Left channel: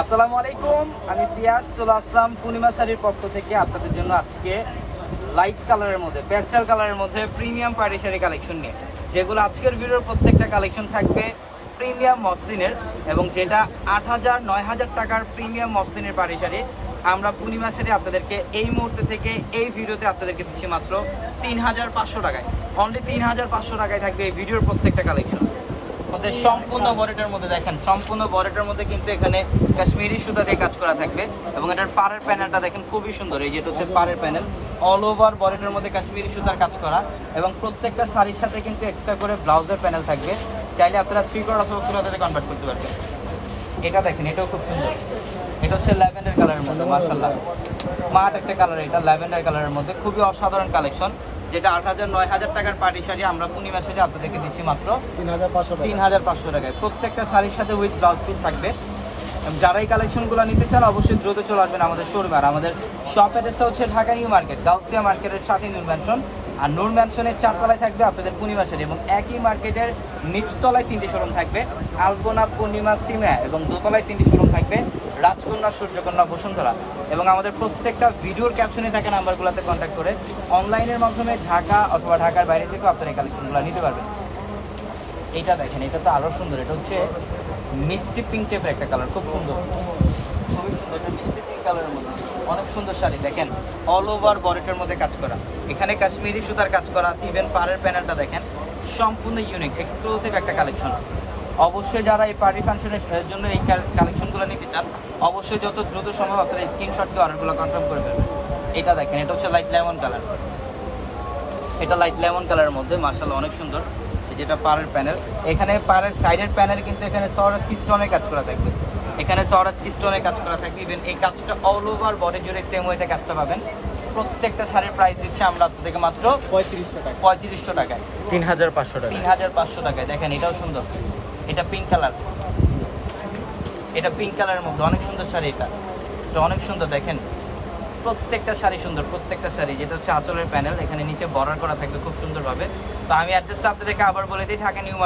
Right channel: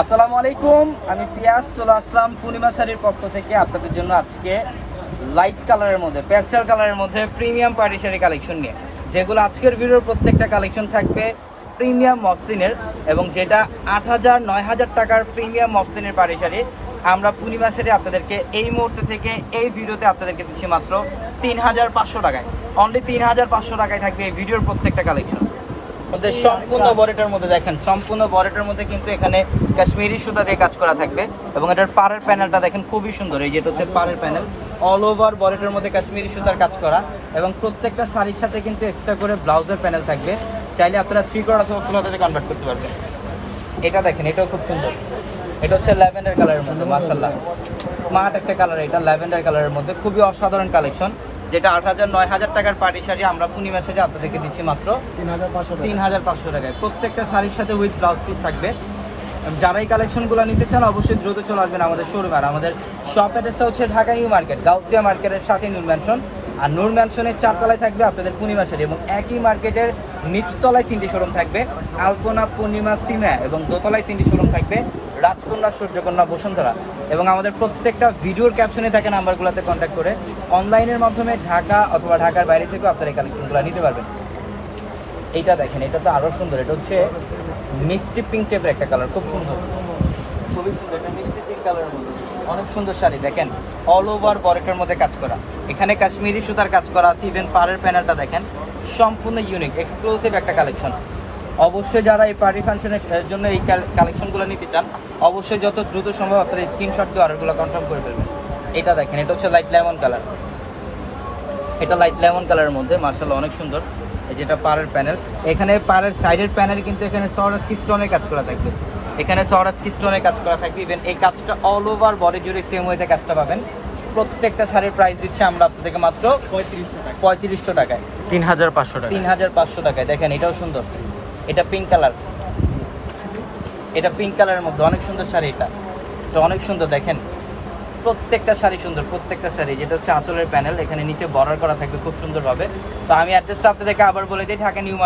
আসসালামু আলাইকুম, আমি পিয়াস চলে আসলাম পূর্ণিমা শাড়ির পক্ষ থেকে আপনাদের জন্য আজকে লাইট কালারের মধ্যে প্যাস্টেল কালারের মধ্যে প্রিমিয়াম পার্টি শাড়ি কালেকশন নিয়ে, যেগুলো আজকের ভিডিওর প্রত্যেকটা কালেকশন থাকবে প্রিমিয়াম মসলিনের, এবং যেটা 8,000 9,000 টাকার প্রিমিয়াম মসলিনের পার্টি শাড়ি আমরা পূর্ণিমা শাড়ি আপনাদেরকে এই মুহূর্তে থেকে এই ভিডিওতে আপনাদেরকে দিচ্ছি মাত্র 3,500 টাকায়। অনলি 3,500 টাকায় থাকবে এই ভিডিওর প্রত্যেকটা কালেকশন। সম্পূর্ণ বরেটের মধ্যে দেখেন, সম্পূর্ণ বরেটের মধ্যে কিন্তু এখানে কাশ্মীরি সুতা দিয়ে কাজ করা থাকবে, এবং এটার পাড়ের প্যানেলটা দেখেন খুবই সুন্দর। এই যেটা হচ্ছে পাড়ের প্যানেল, অল ওভার বরেটের মধ্যে কাশ্মীরি সুতার কাজ করা, এবং প্রত্যেকটা শাড়ির সাথে কিন্তু এক্সট্রা করে ব্লাউজের প্যানেল থাকবে। চাইলে আপনারা 3 কোয়ার্টার অথবা ফুল হাতাতে কনভার্ট করতে পারবেন। এটা দেখেন, এটাও খুব সুন্দর। এটা হচ্ছে ল্যাভেন্ডার কালারের মধ্যে, মাশাআল্লাহ স্মার্ট একটা কালার। এটা ল্যাভেন্ডার কালারের মধ্যে খুবই অসাধারণ কালেকশন, যেটা 8,000 9,000 টাকার পার্টি শাড়ি আমরা পূর্ণিমা শাড়ি আপনাদেরকে দিচ্ছি মাত্র 3,500 টাকায়। প্রত্যেকটা শাড়ির সাথে উইথ ব্লাউজ পিস থাকবে। যারা এই কালেকশনগুলো নিতে চান অবশ্যই দ্রুত চলে আসবেন আমাদের শোরুমে। আর আমাদের শপ অ্যাড্রেসটা হচ্ছে ঢাকা নিউ মার্কেট, গাউসিয়া মার্কেটের সাথে নূর ম্যানশন। আর নূর ম্যানশনের 4 তলায় থাকবে আপনাদের পূর্ণিমা শাড়ি, এবং একই মার্কেটের নিচতলায় 3টি শোরুম থাকবে, আলপনা, পূর্ণিমা, সিমা, এবং দোতলায় 3টি শোরুম থাকবে, রাজকন্যা, সূর্যকন্যা, বসুন্ধরা। এবং আমাদের প্রত্যেকটা ভিডিওর ক্যাপশনে থাকে নাম্বারগুলোতে কন্ট্যাক্ট করে অনলাইনের মাধ্যমে ঢাকা অথবা ঢাকার বাইরে থেকেও আপনারা এই কালেকশনগুলো নিতে পারবেন। এইটা দেখেন, এটা তো আরও সুন্দর। এটা হচ্ছে মিষ্টি পিঙ্ক টাইপের একটা কালার, খুব সুন্দর, খুবই সুন্দর। এটা মিষ্টি পিঙ্ক কালার, অনেক সুন্দর শাড়ি। দেখেন অল ওভার বরেটের মধ্যে কাজ করা, এখানে কাশ্মীরি সুতার কাজ করা আছে। ইভেন পাড়ের প্যানেলটা দেখেন, সম্পূর্ণ ইউনিক এক্সক্লুসিভ একটা কালেকশন। অবশ্যই যারা এই পার্টি ফাংশনের জন্য এই কালেকশনগুলো নিতে চান অবশ্যই যত দ্রুত সম্ভব আপনারা স্ক্রিনশট দিয়ে অর্ডারগুলো কনফার্ম করে ফেলবেন। এটা দেখেন, এটা হচ্ছে লাইট লেমন কালার। এটা লাইট লেমন কালারের মধ্যে মাশাআল্লাহ অনেক সুন্দর। যেটা পাড়ের প্যানেল, এখানে পাড়ের সাইডের প্যানেল কিন্তু এখানে সরাস স্টোনের কাজ করা থাকবে, এখানে সরাস স্টোনের কাজ করা থাকবে। ইভেন এই কাজটা অল ওভার বডি জুড়ে সেম ওয়েতে কাজটা পাবেন। প্রত্যেকটা শাড়ির প্রাইস দিচ্ছে আমরা আপনাদেরকে মাত্র 3500 টাকায়, 3,500 টাকা। 3,500 টাকায়। দেখেন এটাও সুন্দর, এটা পিঙ্ক কালার, এটা পিঙ্ক কালারের মধ্যে অনেক সুন্দর শাড়ি। এটা অনেক সুন্দর। দেখেন প্রত্যেকটা শাড়ি সুন্দর, প্রত্যেকটা শাড়ি। যেটা হচ্ছে আঁচলের প্যানেল, এখানে নিচে বর্ডার করা থাকবে খুব সুন্দরভাবে। তো আমি অ্যাড্রেসটা আপনাদেরকে আবার বলে দিই, ঢাকা নিউ